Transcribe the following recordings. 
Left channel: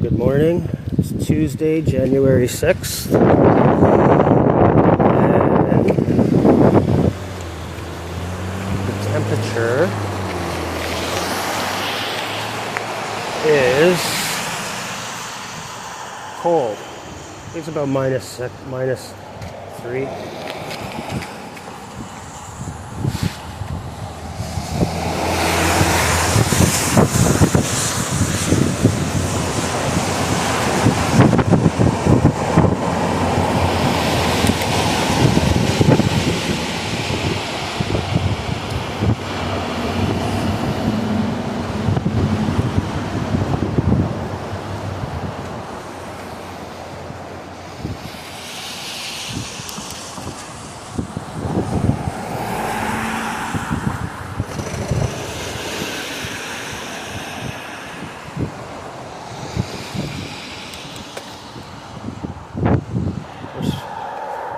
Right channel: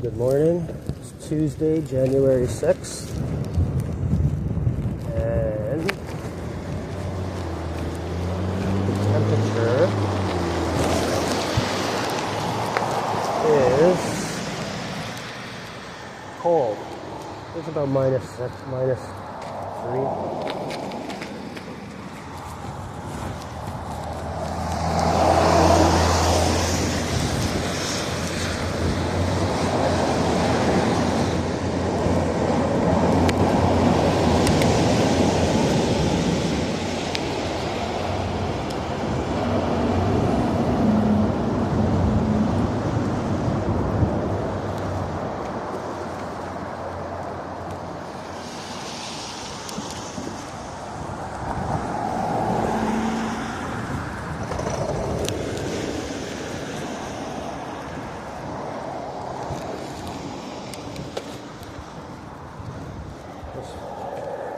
Good morning. It's Tuesday, January 6th. And the temperature is cold. It's about -6, -3.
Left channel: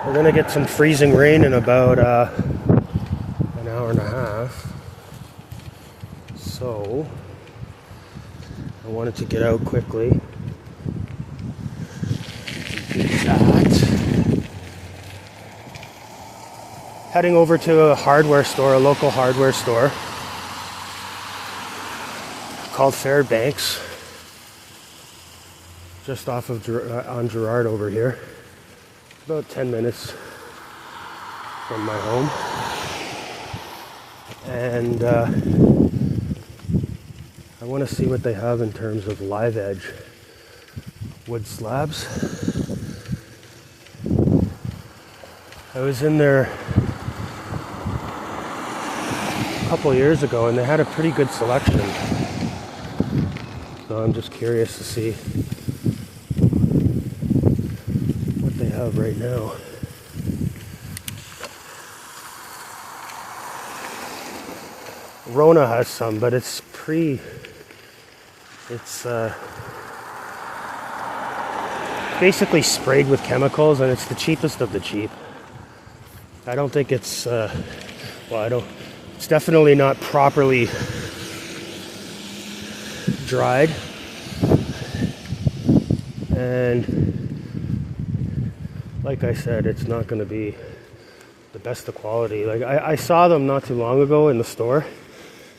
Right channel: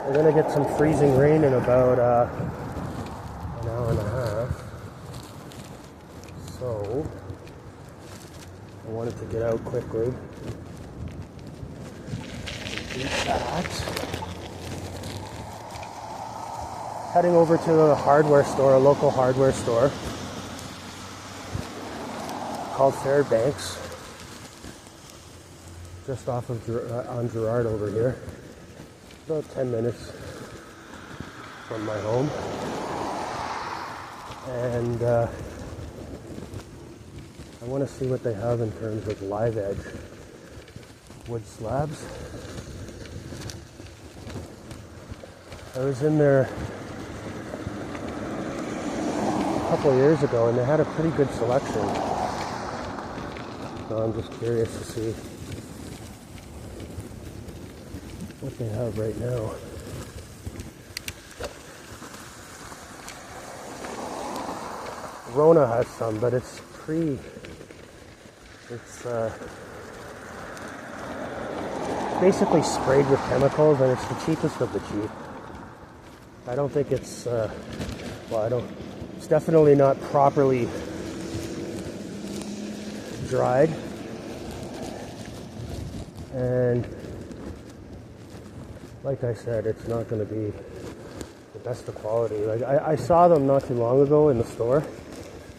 We're gonna get some freezing rain in about an hour and a half. So I wanted to get out quickly. Do that. Heading over to a hardware store, a local hardware store called Fairbanks, just off of on Gerrard over here. About 10 minutes from my home, and I want to see what they have in terms of live edge wood slabs. I was in there a couple of years ago and they had a pretty good selection, so I'm just curious to see right now. Rona has some, but it's basically sprayed with chemicals, and it's the cheapest of the cheap. I don't think it's it's definitely not properly dried, and like I said, it's not going to be the best of quality. Like I saw them not too long ago in the store,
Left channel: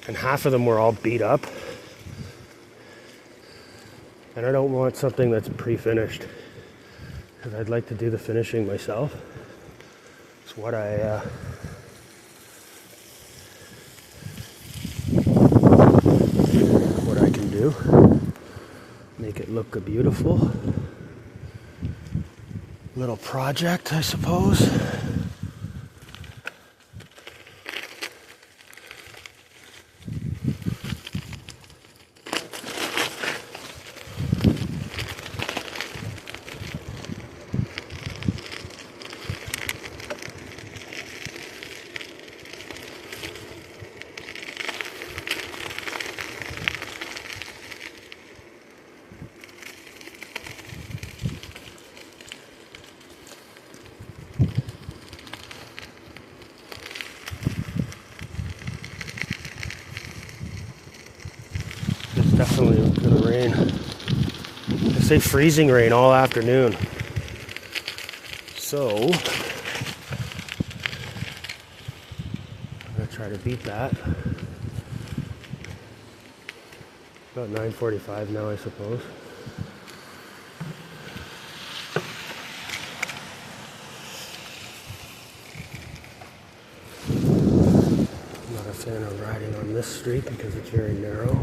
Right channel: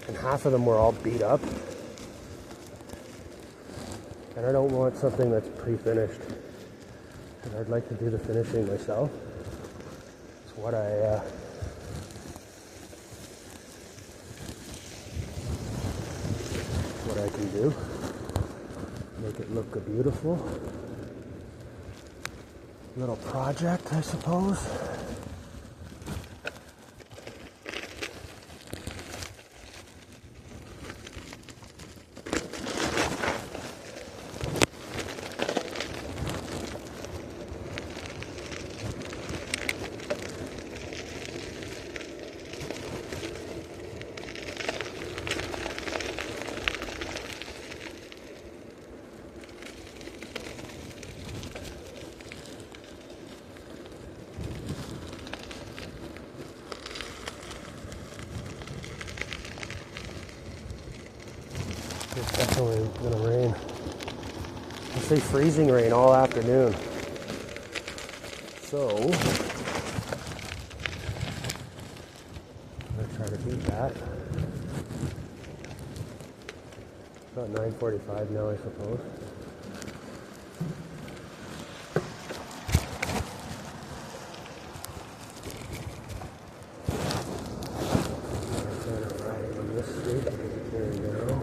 and half of them were all beat up. And I don't want something that's pre-finished, because I'd like to do the finishing myself. It's what I can do. Make it look beautiful. Little project, I suppose. Definitely gonna rain. They say freezing rain all afternoon. So I'm gonna try to beat that. About 9:45 now, I suppose. I'm not a fan of riding on this street because it's very narrow.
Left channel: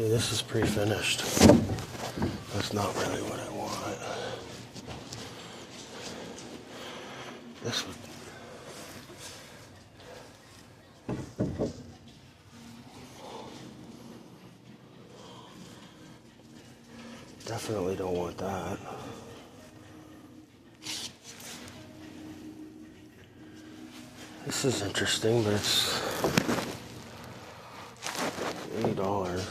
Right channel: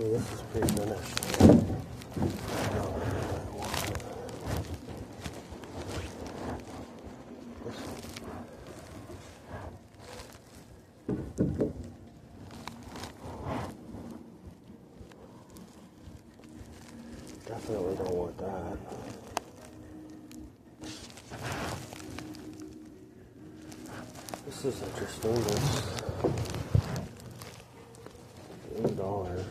See, this is pre-finished. That's not really what I want. This one. Definitely don't want that. This is interesting, but it's $80.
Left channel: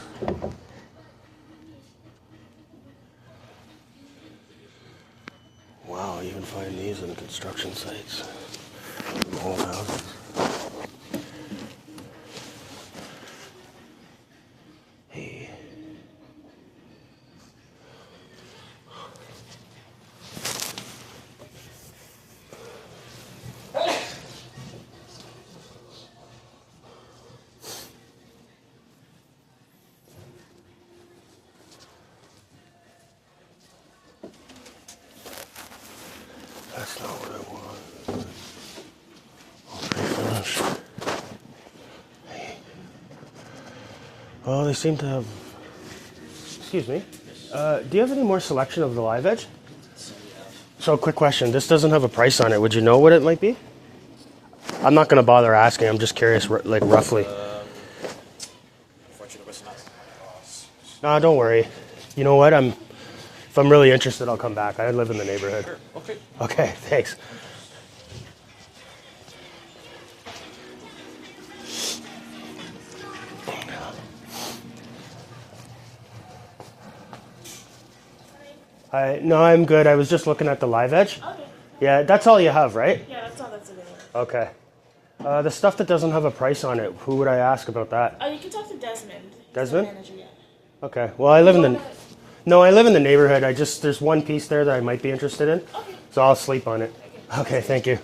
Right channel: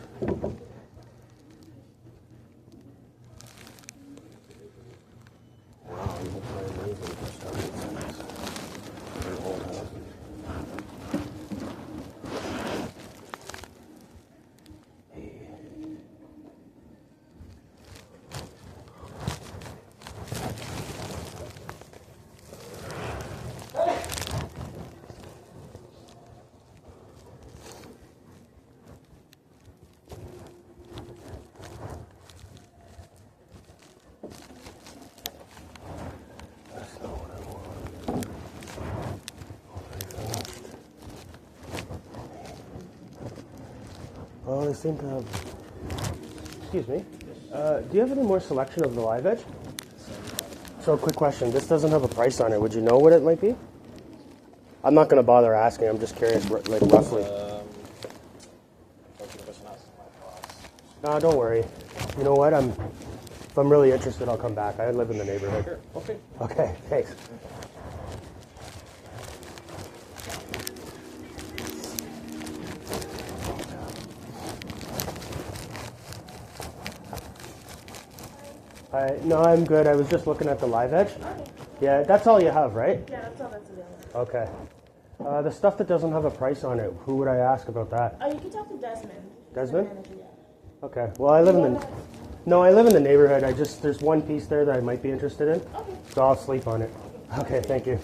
Wow, you can find these in construction sites and old houses. Hey. That's not what I want. Pre-finished. Oh, they seem to have... Excuse me. Do you have any more selection of the live edge? So, quick question. This doesn't have a price on it. Would you know what it might be? I'm not going to bother asking. I'm just curious, like, roughly. No, don't worry. You know what? If I'm really interested, I'll come back. I live in the neighborhood. Sure. Okay. Okay, thanks. No, I'm good. I was just looking at the live edge. Okay. Yeah, that's all you have, right? Yeah, that's all that's available. Okay. The stuff that doesn't have a price on it, who would I ask about that? You can talk to Desmond. He's Desmond? the manager, yeah. Okay. Well, I live in the... No, I live in the neighborhood. There's one piece there that I might be interested in. Okay. So I'll sleep on it. Okay, thank you.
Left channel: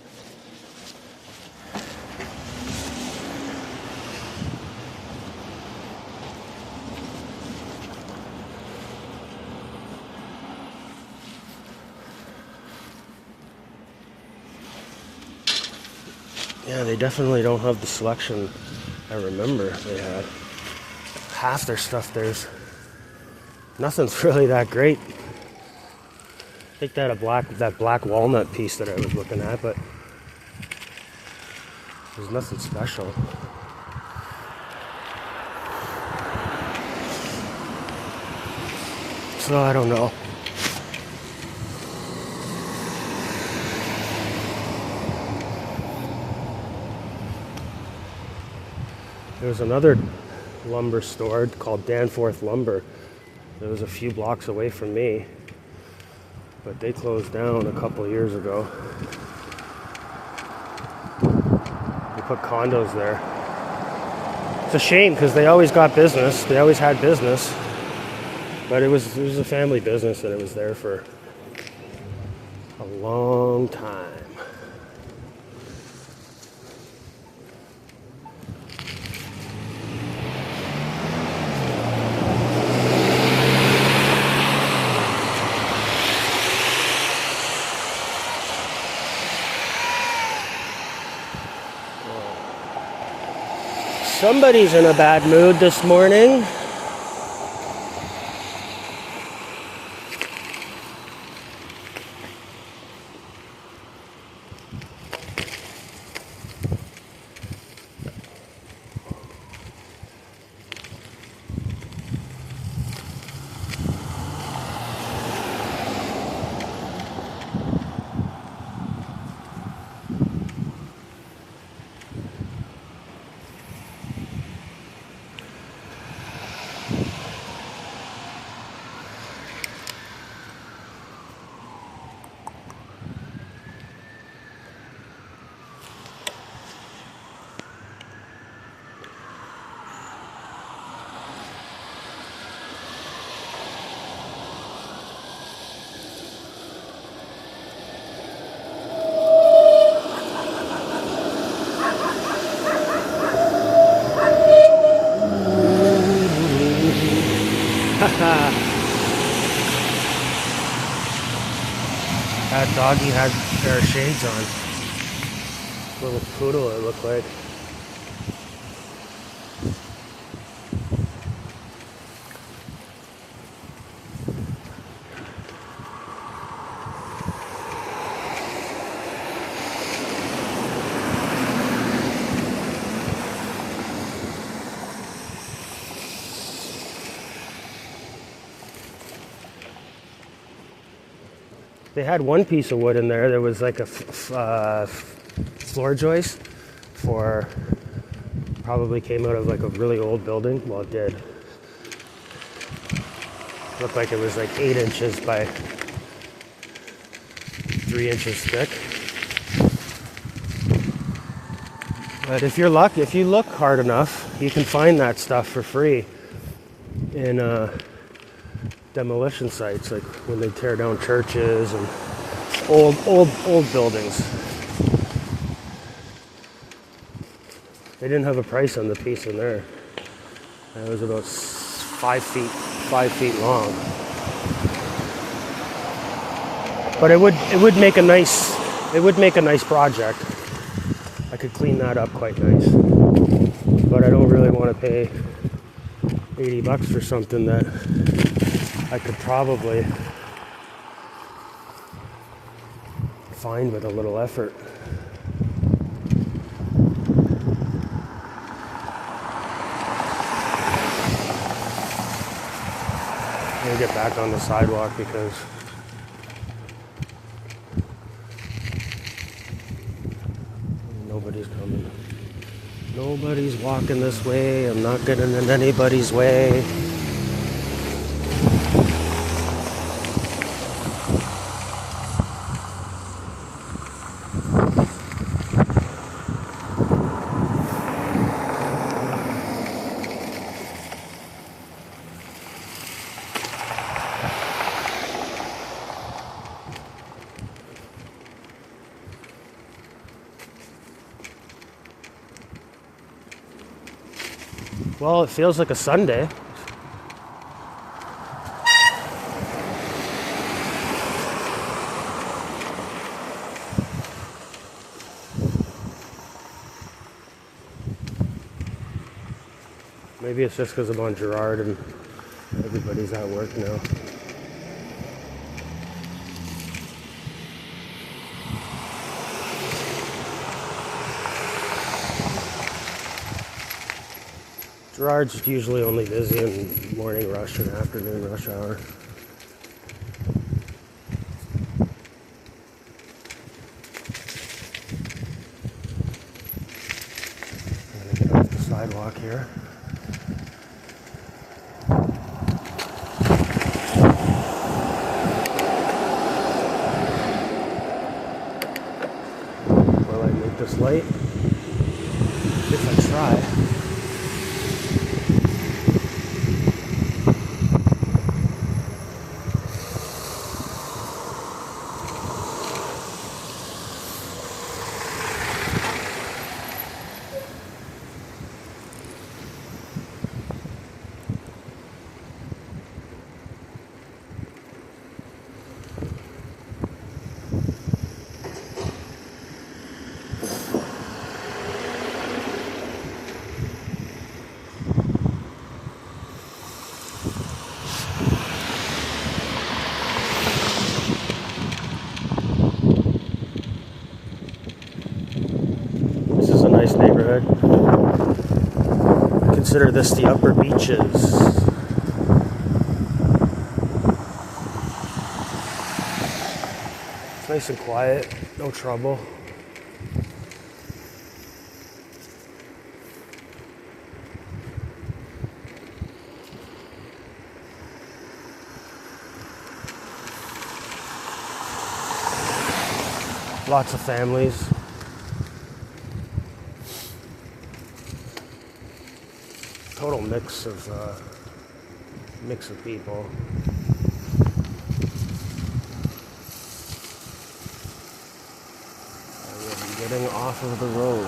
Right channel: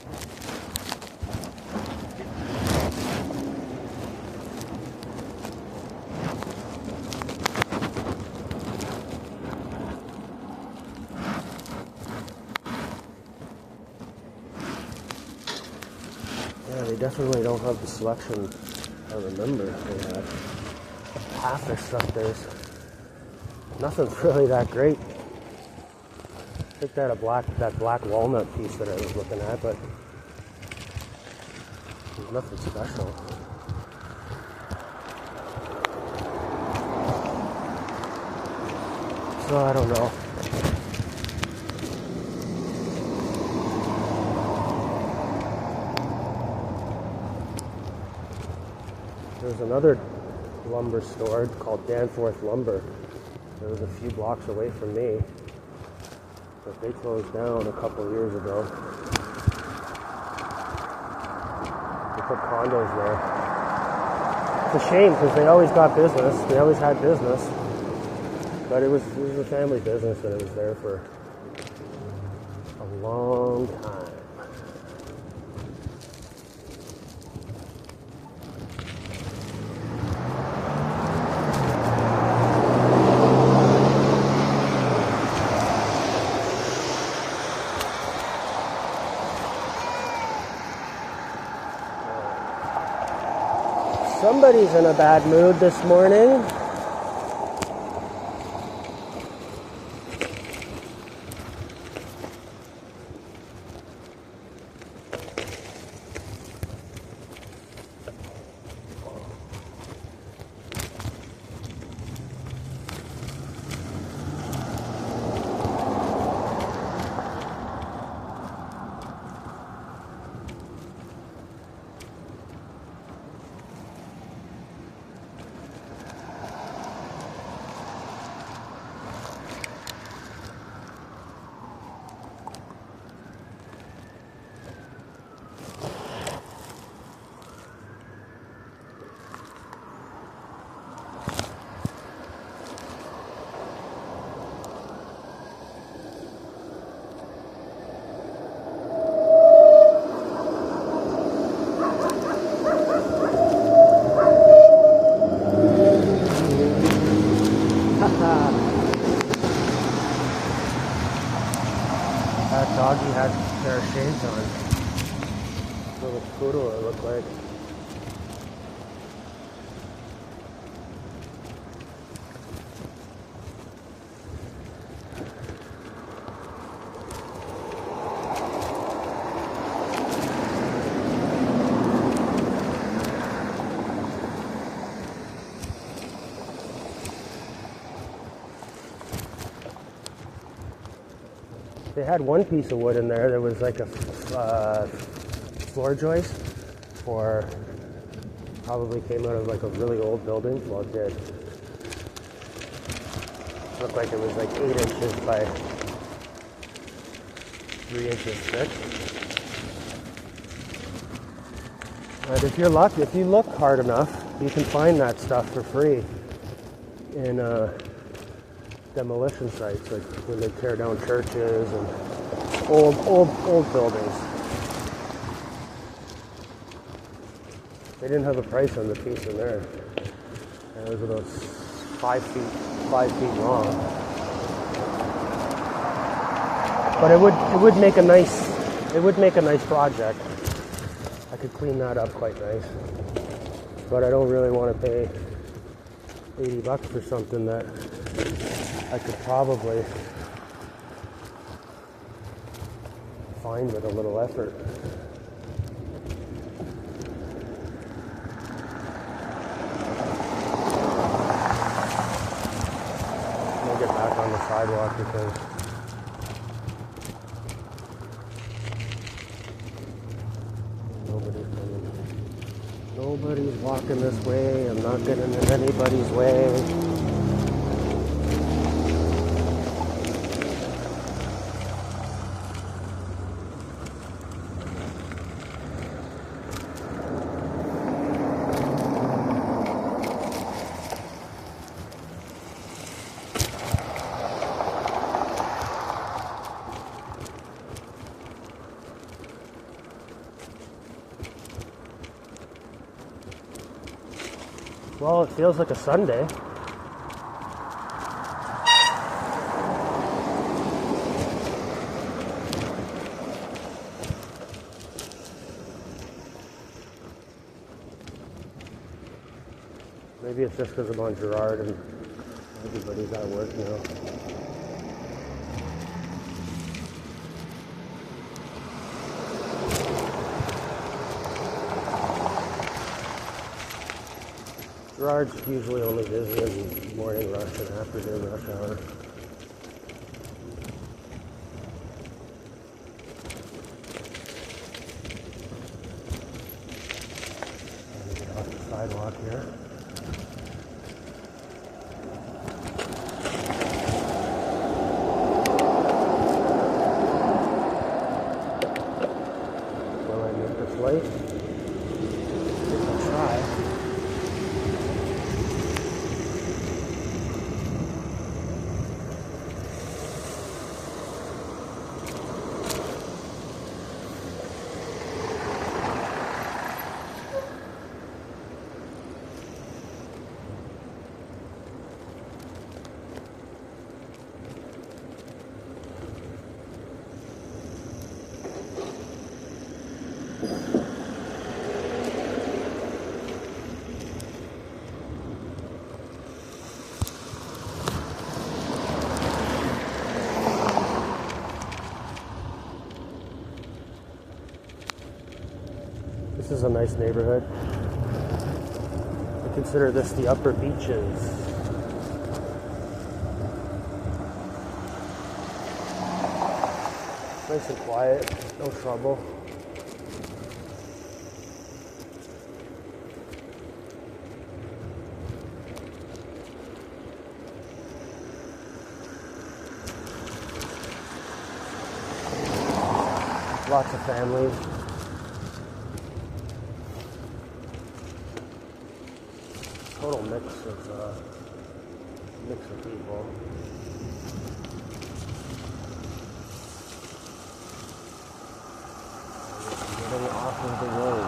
Yeah, they definitely don't have the selection I remember they had. Half their stuff there's nothing's really that great. I think they had that black walnut piece that I was looking at, but there's nothing special. So I don't know. There's another lumber store called Danforth Lumber. It was a few blocks away from me, but they closed down a couple years ago. They put condos there. It's a shame because they always got business. They always had business, but it was a family business and it was there for a long time. Somebody's in a bad mood this morning. Doggy had a pair of shades on. Little poodle it looked like. They had one piece of wood in there. There was like a floor joist for, probably came out of like a really old building. Well, it did. Looked like it was like 8 inches by 3 inches thick. But if you look hard enough, you can find that stuff for free in demolition sites, like when they tear down churches and old buildings. They didn't have a price on the piece in there. It was about 5 feet long. But it would make a nice project. I could clean that up quite nice. But I don't really want to pay $80 for something that I could probably find with a little effort. I'm gonna get back on the sidewalk because nobody's coming. Nobody's walking this way. I'm not getting in anybody's way. Well, it feels like a Sunday. Maybe it's just because I'm on Gerrard and everybody's at work now. Gerrard's usually only busy in morning rush and afternoon rush hour. I'm gonna get off the sidewalk here. Will I make this light? If I try. This is a nice neighborhood. I consider this the upper beaches. It's nice and quiet, no trouble. Lots of families. Total mix of people. I'm getting off of the road.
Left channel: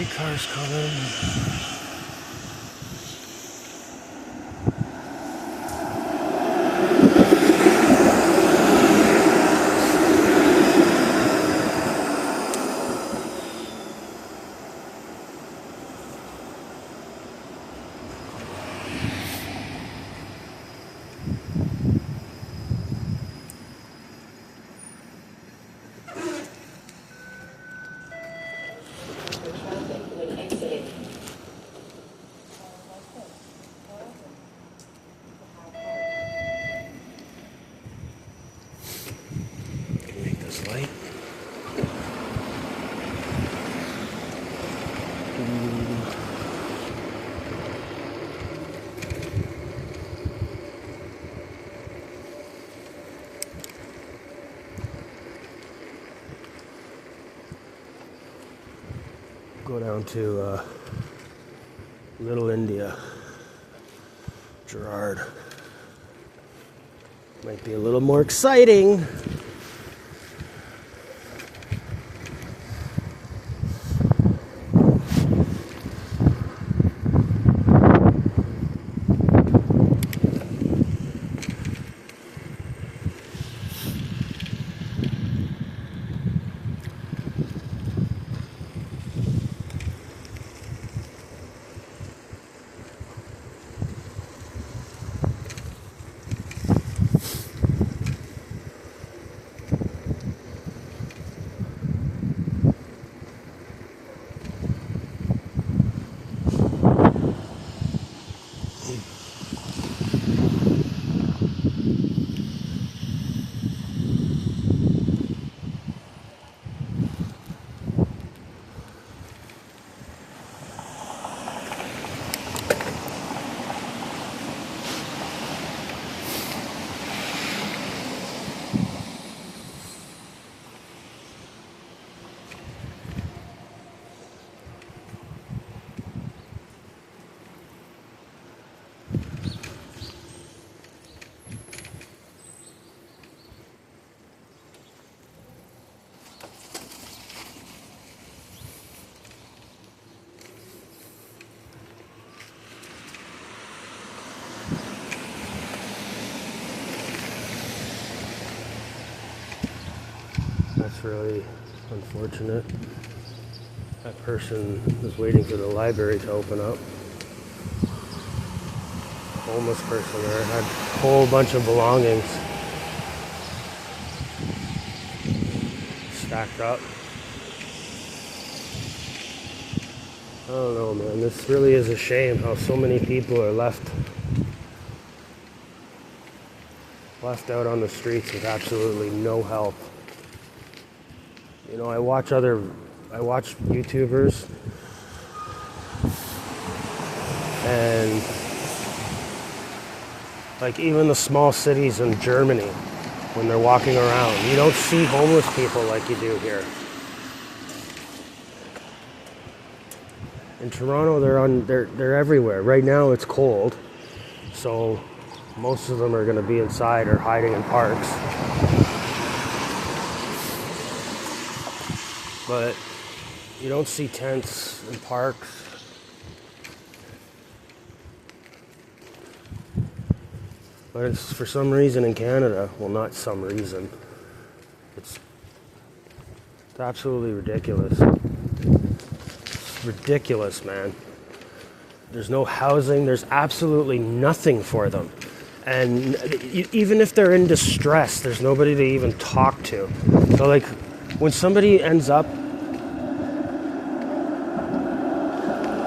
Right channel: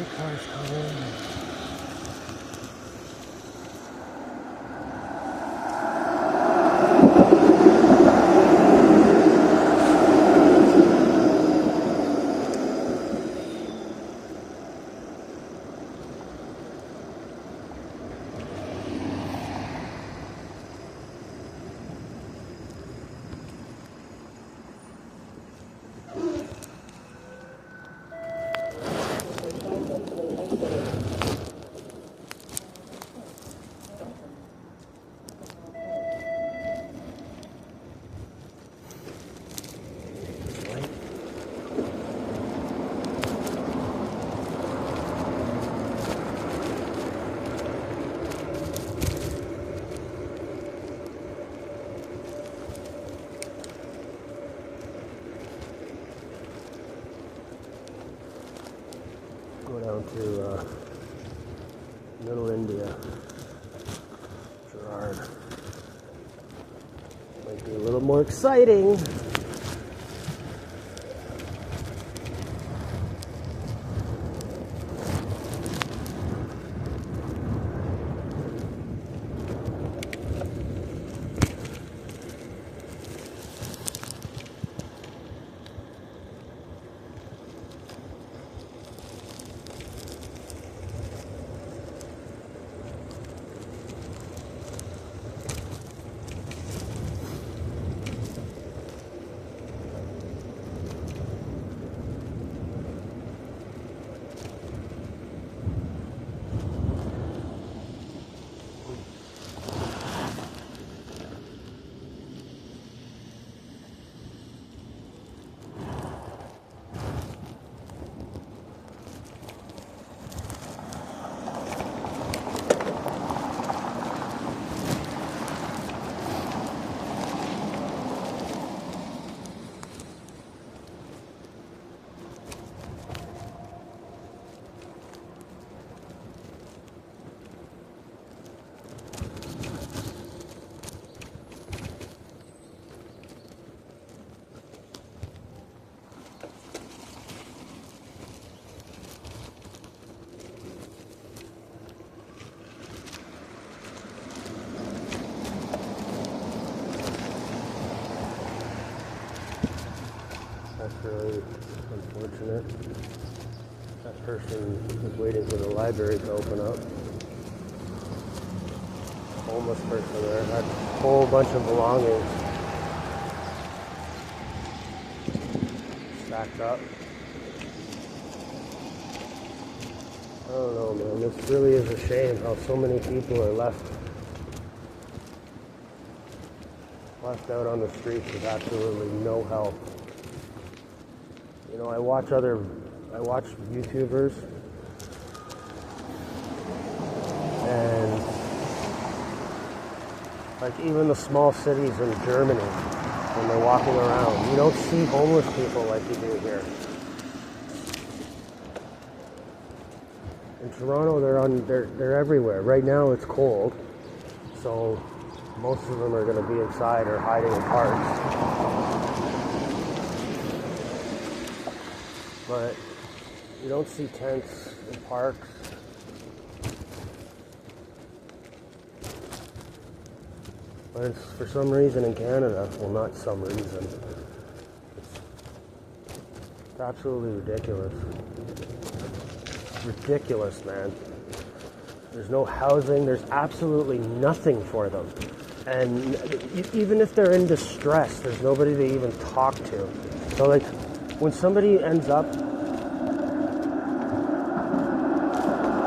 Streetcars coming. Make this light. Go down to Little India, Gerrard. Might be a little more exciting. That's really unfortunate. That person was waiting for the library to open up. The homeless person there had a whole bunch of belongings stacked up. I don't know, man. This really is a shame how so many people are left out on the streets with absolutely no help. You know, I watch YouTubers, and like even the small cities in Germany, when they're walking around, you don't see homeless people like you do here. In Toronto, they're everywhere. Right now it's cold, so most of them are going to be inside or hiding in parks. But you don't see tents in parks. But it's for some reason in Canada, well, not some reason, it's absolutely ridiculous. It's ridiculous, man. There's no housing, there's absolutely nothing for them. And even if they're in distress, there's nobody to even talk to. So like, when somebody ends up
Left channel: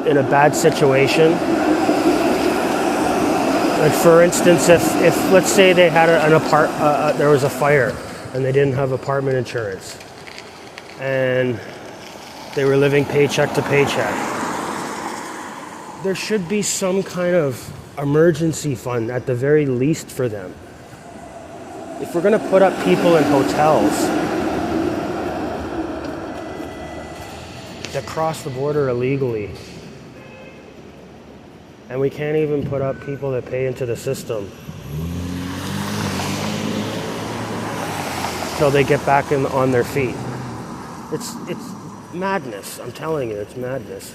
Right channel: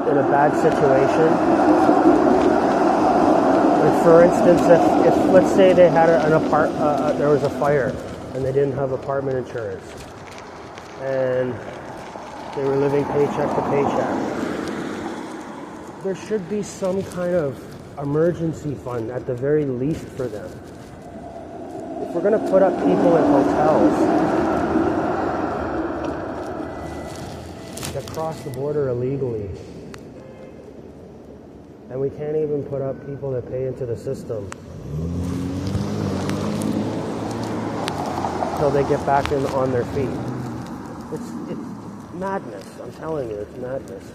in a bad situation, like for instance, if let's say they had there was a fire and they didn't have apartment insurance and they were living paycheck to paycheck, there should be some kind of emergency fund at the very least for them. If we're going to put up people in hotels that cross the border illegally, and we can't even put up people that pay into the system till they get back on their feet. It's madness. I'm telling you, it's madness.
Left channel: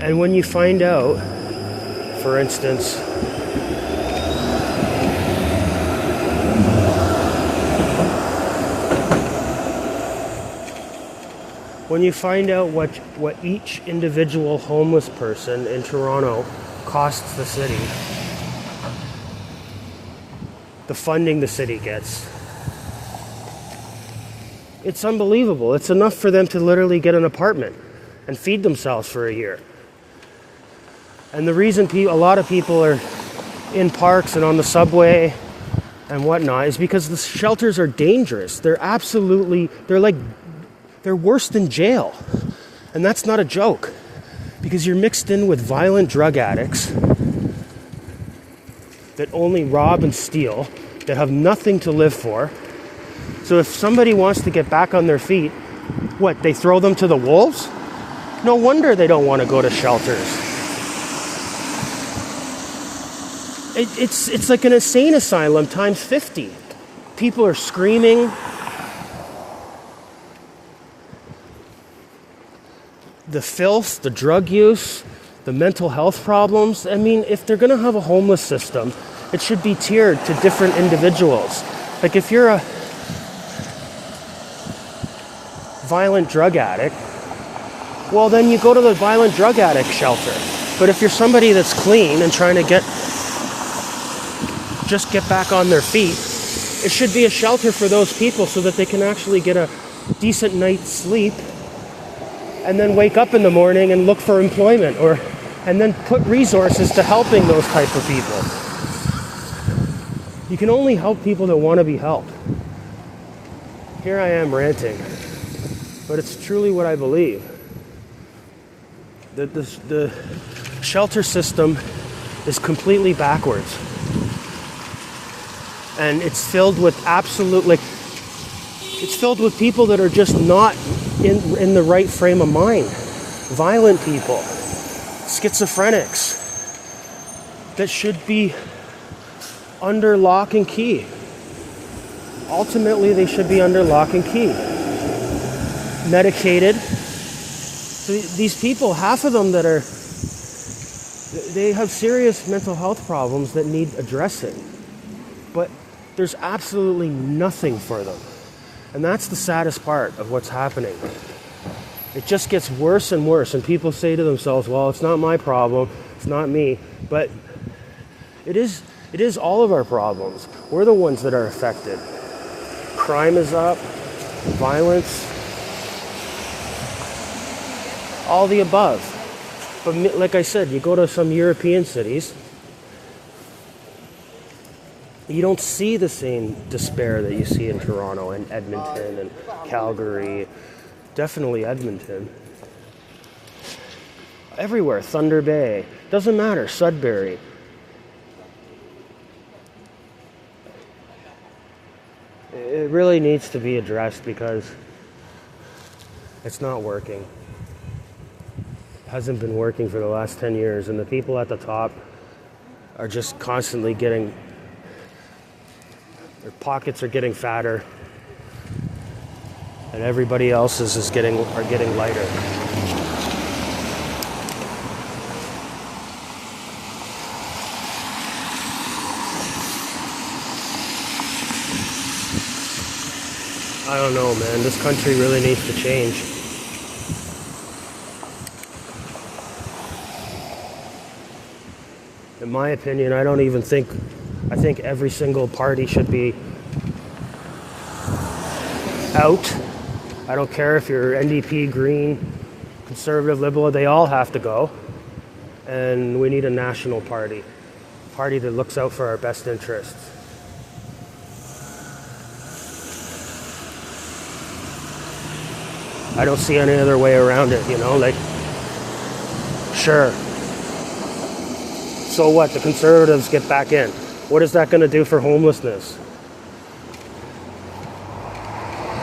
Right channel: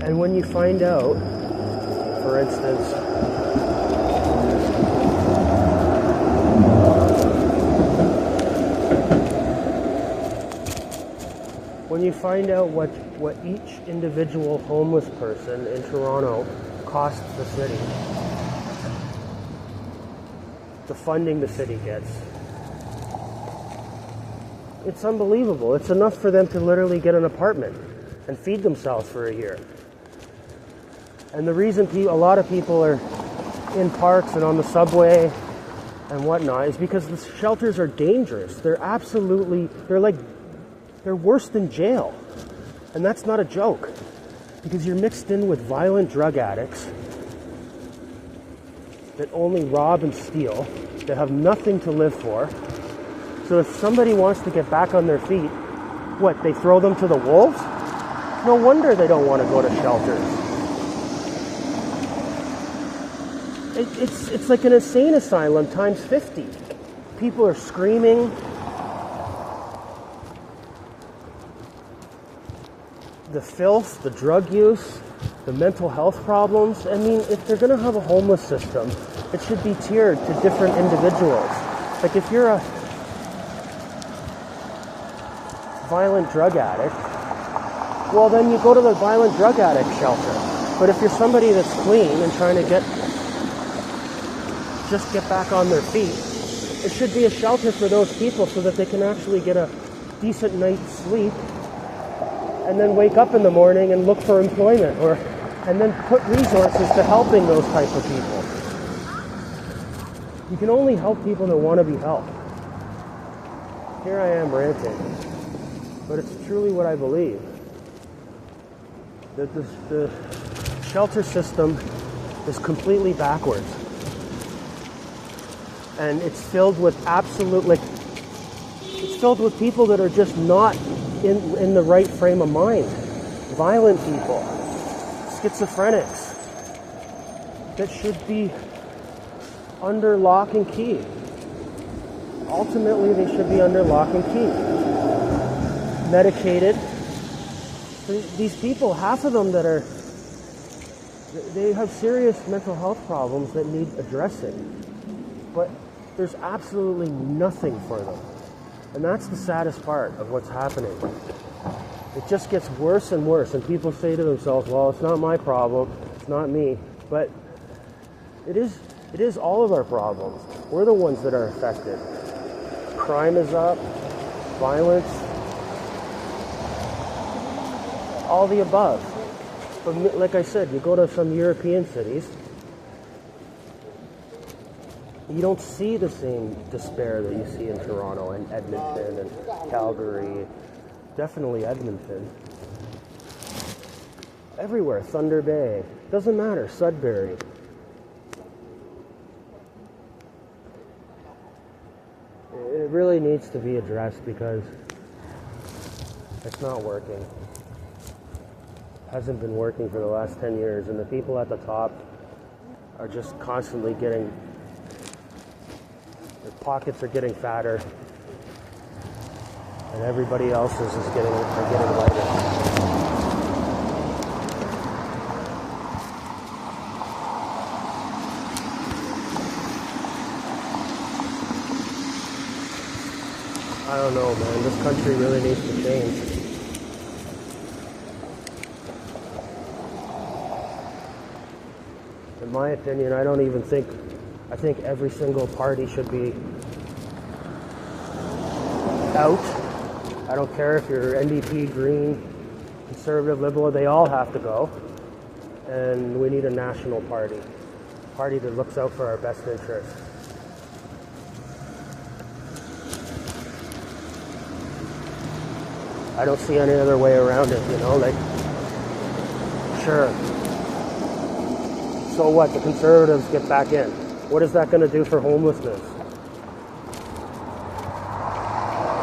And when you find out, for instance, when you find out what each individual homeless person in Toronto costs the city, the funding the city gets, it's unbelievable. It's enough for them to literally get an apartment and feed themselves for a year. And the reason a lot of people are in parks and on the subway and whatnot is because the shelters are dangerous. They're worse than jail. And that's not a joke, because you're mixed in with violent drug addicts that only rob and steal, that have nothing to live for. So if somebody wants to get back on their feet, what, they throw them to the wolves? No wonder they don't want to go to shelters. It's like an insane asylum times 50. People are screaming. The filth, the drug use, the mental health problems. I mean, if they're going to have a homeless system, it should be tiered to different individuals. Like if you're a violent drug addict, well then you go to the violent drug addict shelter. But if you're somebody that's clean and trying to get back on their feet, it should be a shelter for those people so that they can actually get a decent night's sleep and then wake up in the morning and look for employment, and then put resources to helping those type of people. You can only help people that want to be helped. Here I am ranting, but it's truly what I believe. That the shelter system is completely backwards. And it's filled with it's filled with people that are just not in the right frame of mind. Violent people, schizophrenics, that should be under lock and key. Ultimately, they should be under lock and key. Medicated. So these people, half of them they have serious mental health problems that need addressing. But there's absolutely nothing for them. And that's the saddest part of what's happening. It just gets worse and worse, and people say to themselves, well, it's not my problem, it's not me. But it is all of our problems. We're the ones that are affected. Crime is up, violence, all the above. But like I said, you go to some European cities, you don't see the same despair that you see in Toronto and Edmonton and Calgary. Definitely Edmonton. Everywhere, Thunder Bay. Doesn't matter, Sudbury. It really needs to be addressed because it's not working. Hasn't been working for the last 10 years, and the people at the top are just constantly getting, their pockets are getting fatter, and everybody else are getting lighter. I don't know, man. This country really needs to change. In my opinion, I think every single party should be out. I don't care if you're NDP, Green, Conservative, Liberal, they all have to go. And we need a national party. A party that looks out for our best interests. I don't see any other way around it, like, sure. So what, the Conservatives get back in. What is that going to do for homelessness?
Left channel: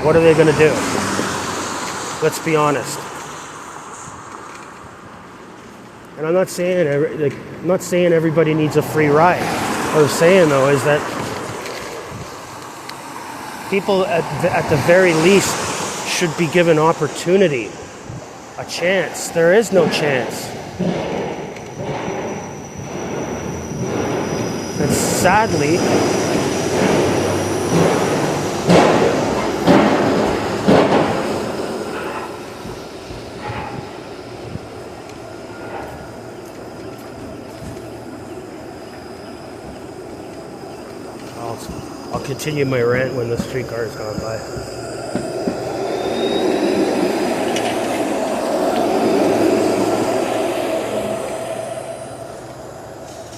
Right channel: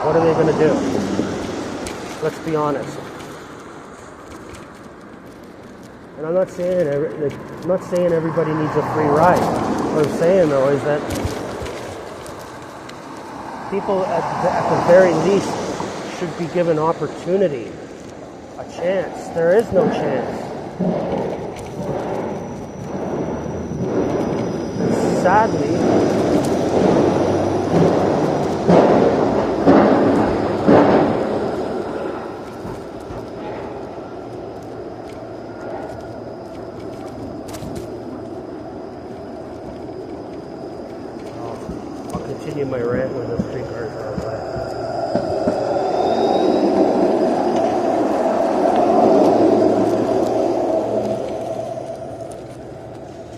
What are they going to do? Let's be honest. And I'm not saying everybody needs a free ride. What I'm saying though is that People at the very least should be given opportunity, a chance. There is no chance. And sadly, I'll continue my rant when the streetcars are by.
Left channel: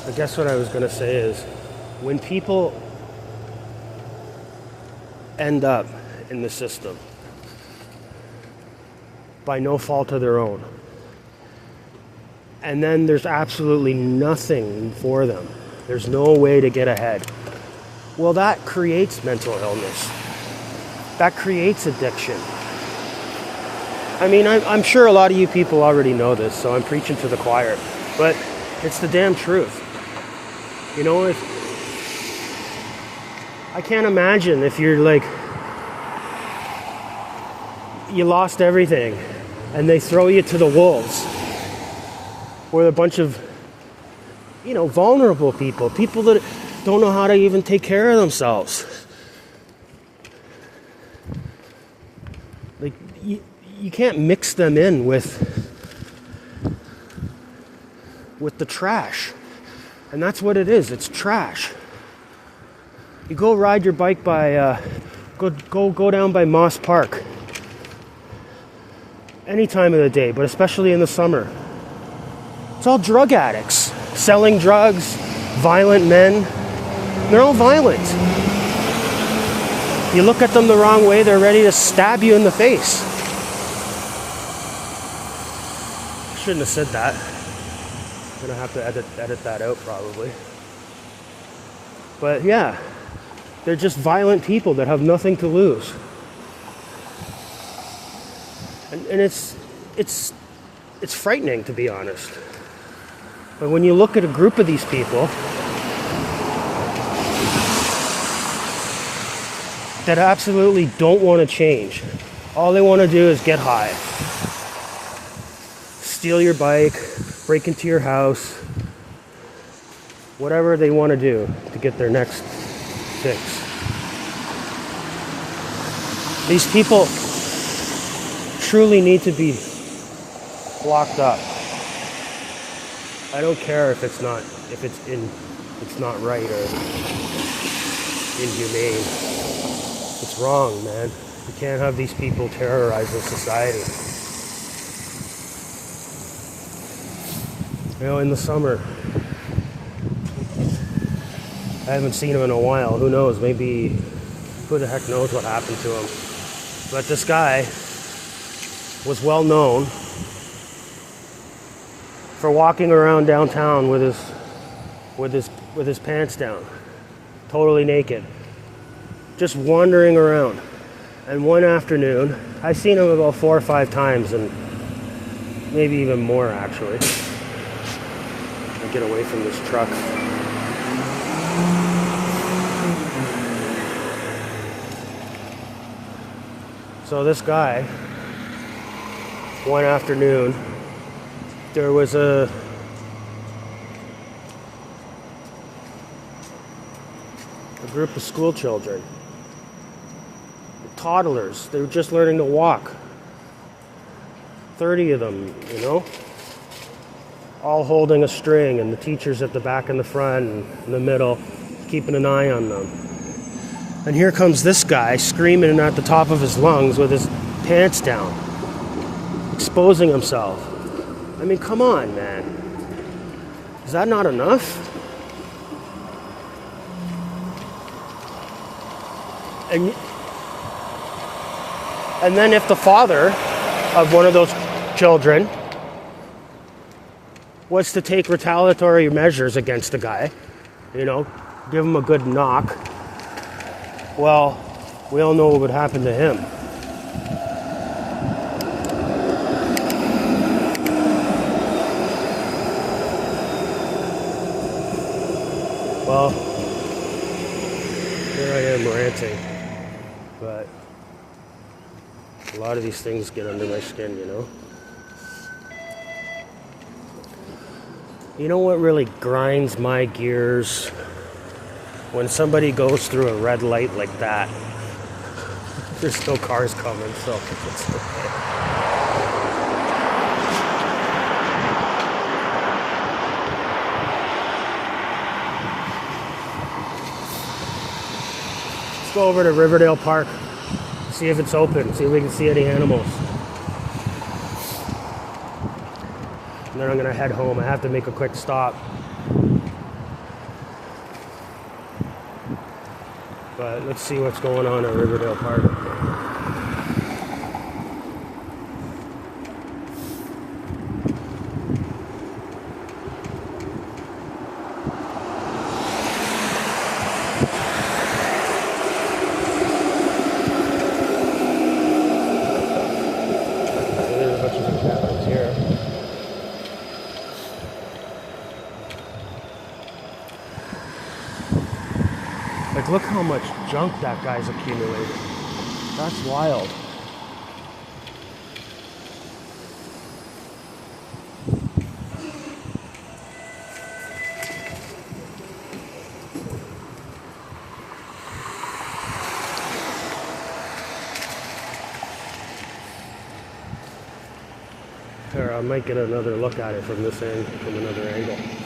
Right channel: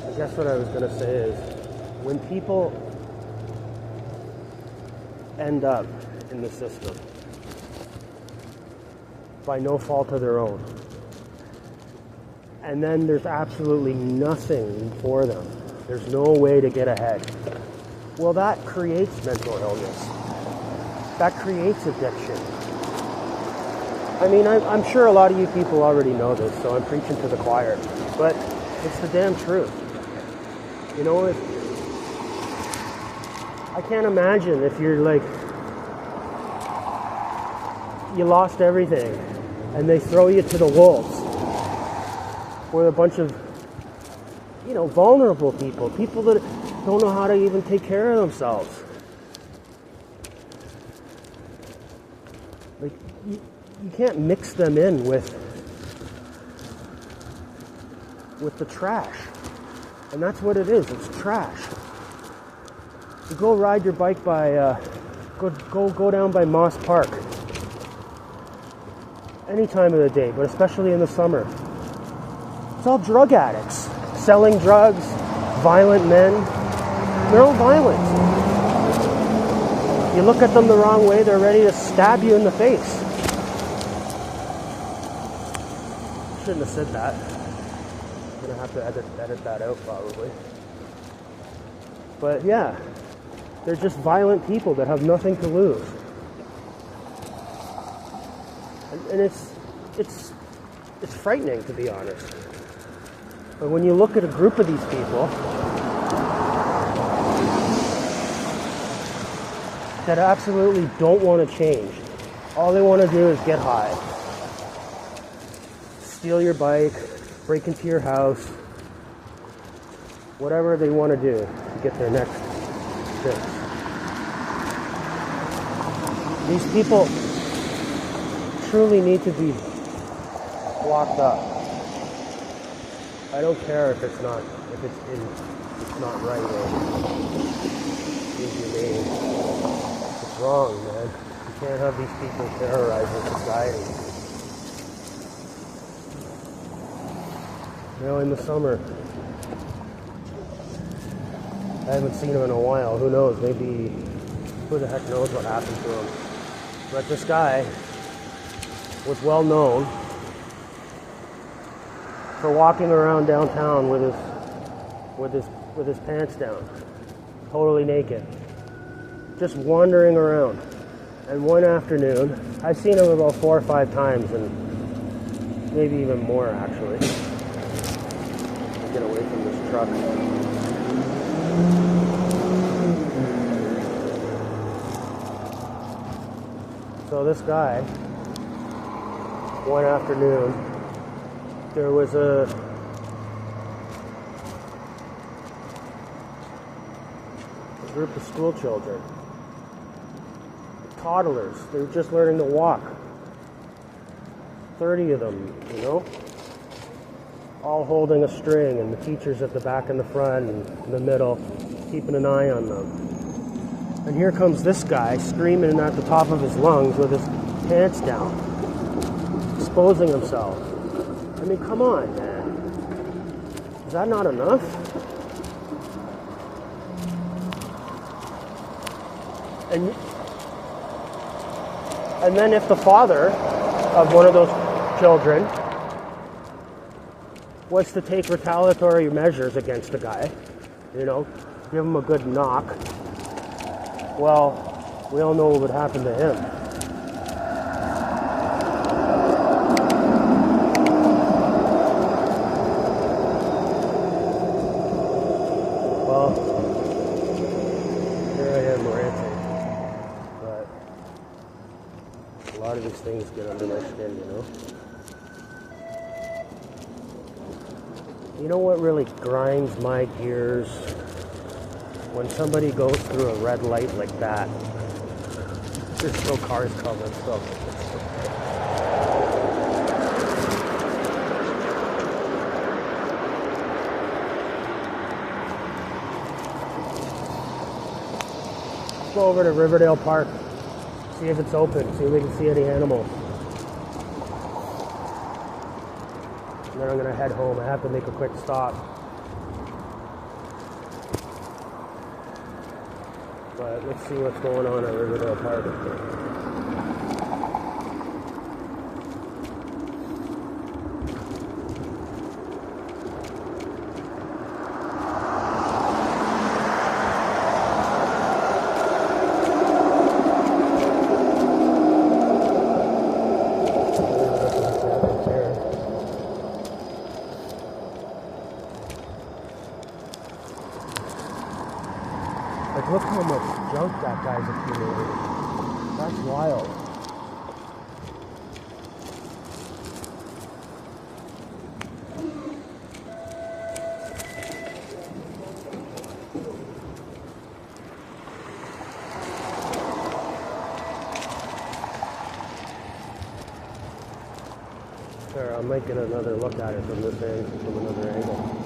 I guess what I was going to say is, when people end up in the system by no fault of their own, and then there's absolutely nothing for them, there's no way to get ahead, well, that creates mental illness. That creates addiction. I mean, I'm sure a lot of you people already know this, so I'm preaching to the choir, but it's the damn truth. You know, I can't imagine if you're like, you lost everything and they throw you to the wolves with a bunch of, you know, vulnerable people that don't know how to even take care of themselves. Like, you can't mix them in with the trash. And that's what it is. It's trash. You go ride your bike by, go down by Moss Park. Any time of the day, but especially in the summer. It's all drug addicts. Selling drugs, violent men. They're all violent. You look at them the wrong way, they're ready to stab you in the face. I shouldn't have said that. I'm gonna have to edit that out probably. But yeah, they're just violent people that have nothing to lose. And it's frightening, to be honest. But when you look at a group of these people that absolutely don't want to change, all they want to do is get high, steal your bike, break into your house, whatever they want to do to get their next fix. These people truly need to be locked up. I don't care if it's not right or inhumane. It's wrong, man. You can't have these people terrorizing society. You know, in the summer, I haven't seen him in a while. Who knows? Maybe, who the heck knows what happened to him. But this guy was well known for walking around downtown with his pants down, totally naked, just wandering around. And one afternoon, I've seen him about 4 or 5 times, and maybe even more actually. Get away from this truck. So this guy, one afternoon, there was a group of school children, toddlers. They were just learning to walk. 30 of them, you know, all holding a string, and the teachers at the back and the front and in the middle, keeping an eye on them. And here comes this guy screaming at the top of his lungs with his pants down, exposing himself. I mean, come on, man. Is that not enough? And then if the father of one of those children was to take retaliatory measures against the guy, you know, give him a good knock, well, we all know what would happen to him. Well, here I am ranting. A lot of these things get under my skin, you know? You know what really grinds my gears? When somebody goes through a red light like that. There's still cars coming, so let's go over to Riverdale Park, see if it's open, see if we can see any animals. And then I'm gonna head home. I have to make a quick stop. But let's see what's going on at Riverdale Park. Like, look how much junk that guy's accumulated. That's wild. Here, I might get another look at it from this end, from another angle.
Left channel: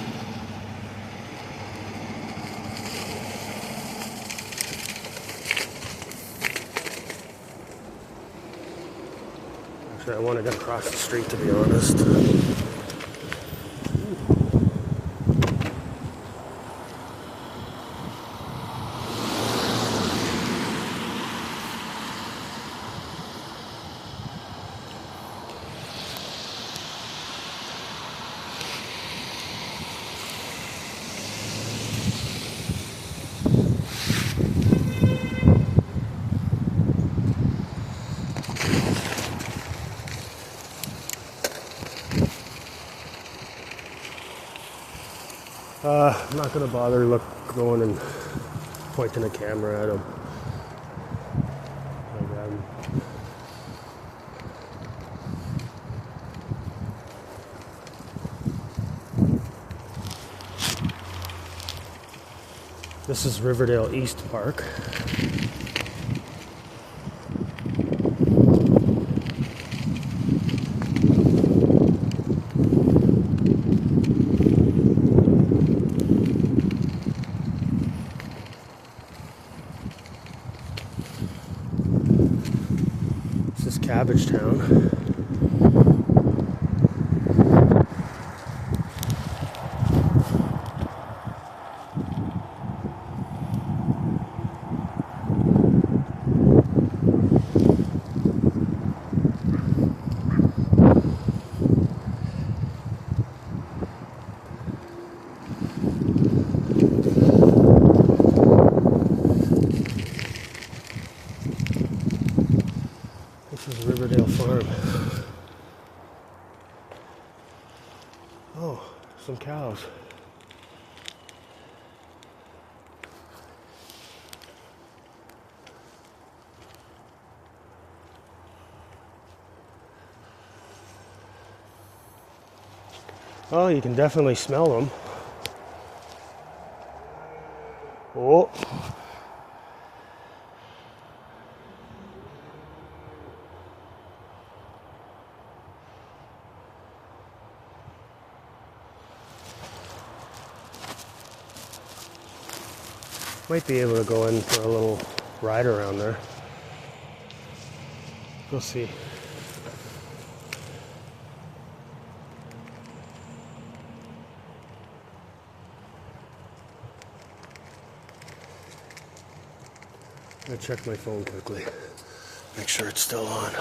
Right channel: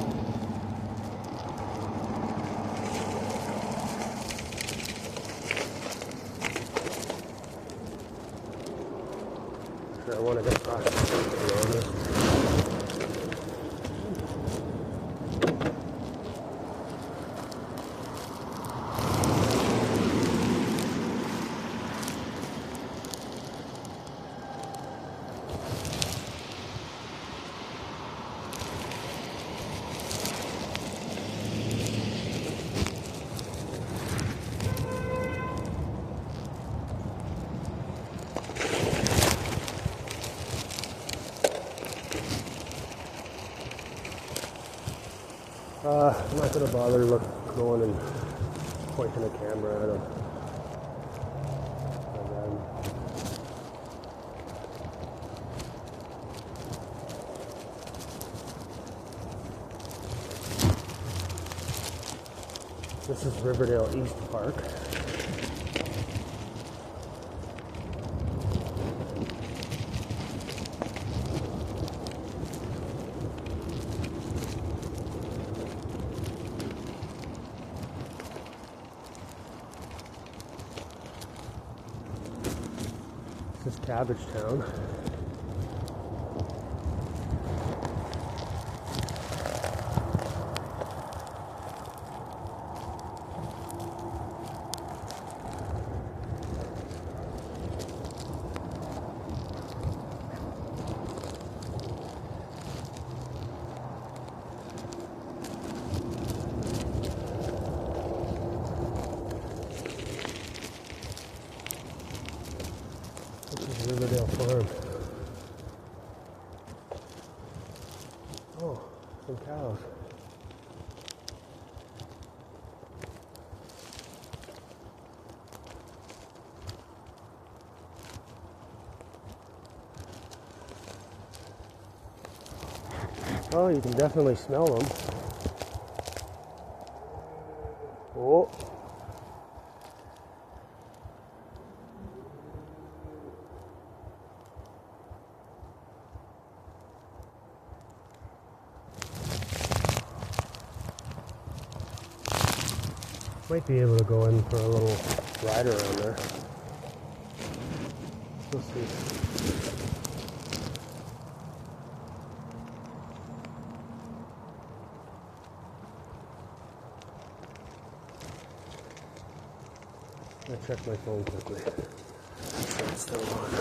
I wanted to cross the street, to be honest. I'm not gonna bother going and pointing a camera at him. This is Riverdale East Park. This is Cabbage Town. Riverdale Farm. Oh, some cows. Oh, you can definitely smell them. Oh. Might be able to go in for a little ride around there. We'll see. I'm gonna check my phone quickly. Make sure it's still on.